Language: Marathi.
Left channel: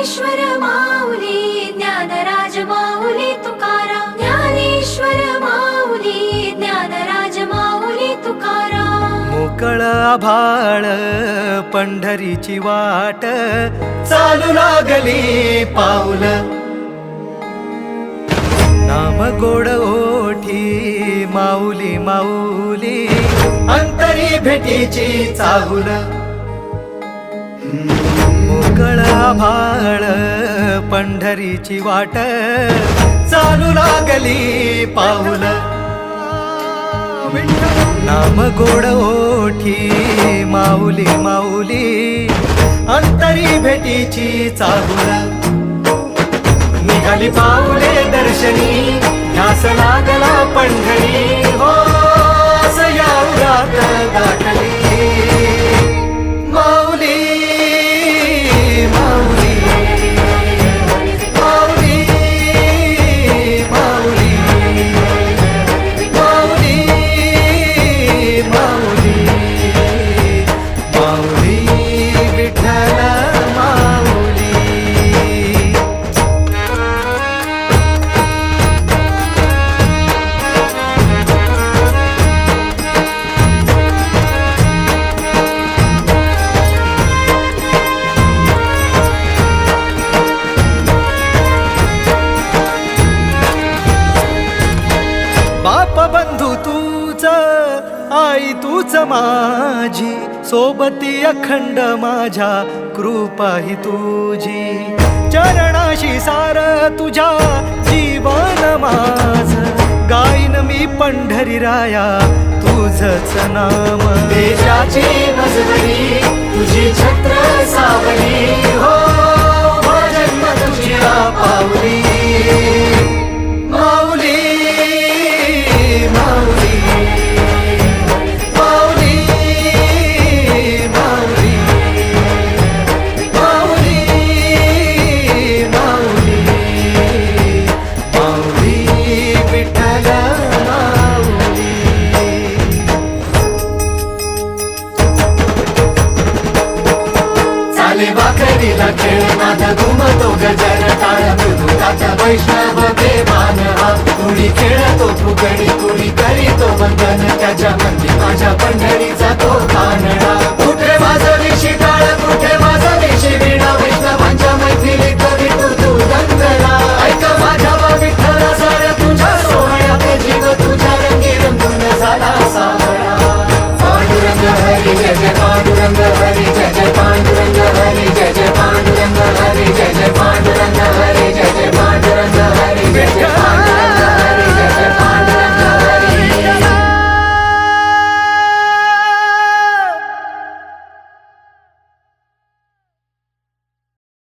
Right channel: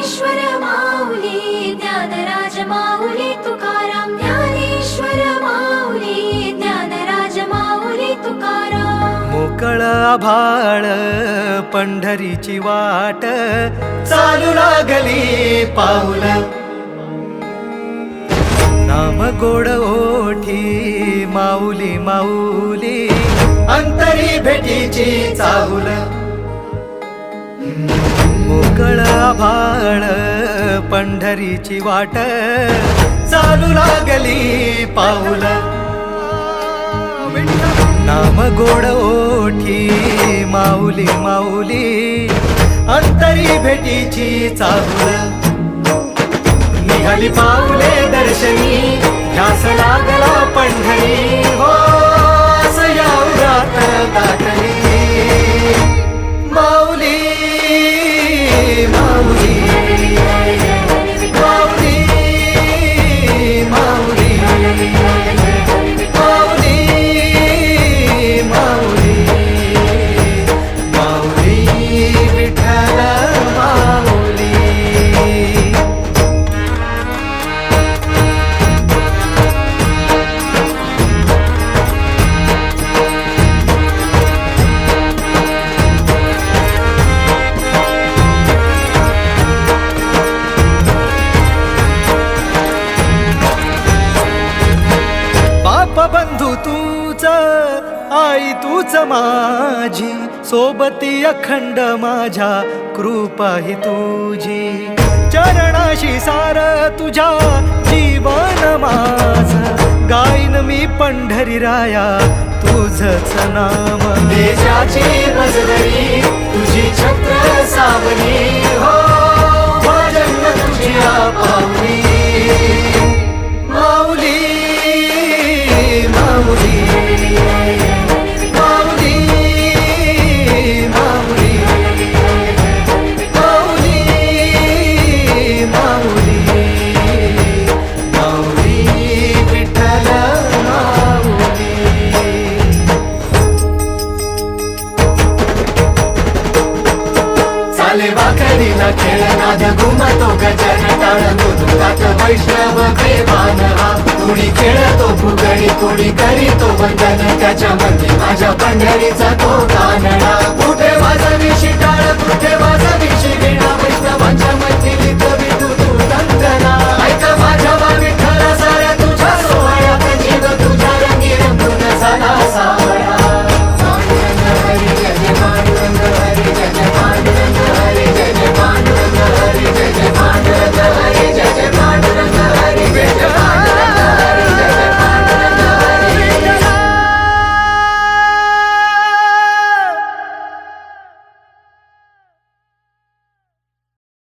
ज्ञानेश्वर माऊली ज्ञानराज माऊली तुकाराम ज्ञानेश्वर माऊली ज्ञानराज माऊली तुकाराम मोकळ आभाळ पंढरीची वाट चालू लागली पाऊल नाम गोड ओठी माऊली माऊली अंतरी भेटीची चाहुल मोकळ आभाळ पंढरीची वाट चालू लागली पाऊल नाम गोड ओठी माऊली माऊली अंतरी भेटीची चाहुल निघाली पाऊले दर्शनी ध्यास लागला पंढरी हो या उरात दाटली माऊली माऊली माऊली माऊली माऊली माऊली माऊली विठ्ठल माऊली बाप बंधू तूच आई तूच माझी सोबती अखंड माझ्या कृपा ही तुझी चरणाशी सार तुझ्या जीवन माझ गाईन मी पंढरी राया तुझच नाम देशाची मजबरी तुझी छत्र सावली हो भजन तुझी पावली माऊली माऊली माऊली माऊली माऊली माऊली माऊली विठ्ठल माऊली चाले वाखरीला खेळ नाद घुमतो गजर टाळ मृदुंगात वैष्णव देवान हा कुणी खेळतो फुगडी कुणी करीतो वंदन त्याच्या मंदी माझ्या पंढरीचा तो कानडा कुठे वाजवी शिटा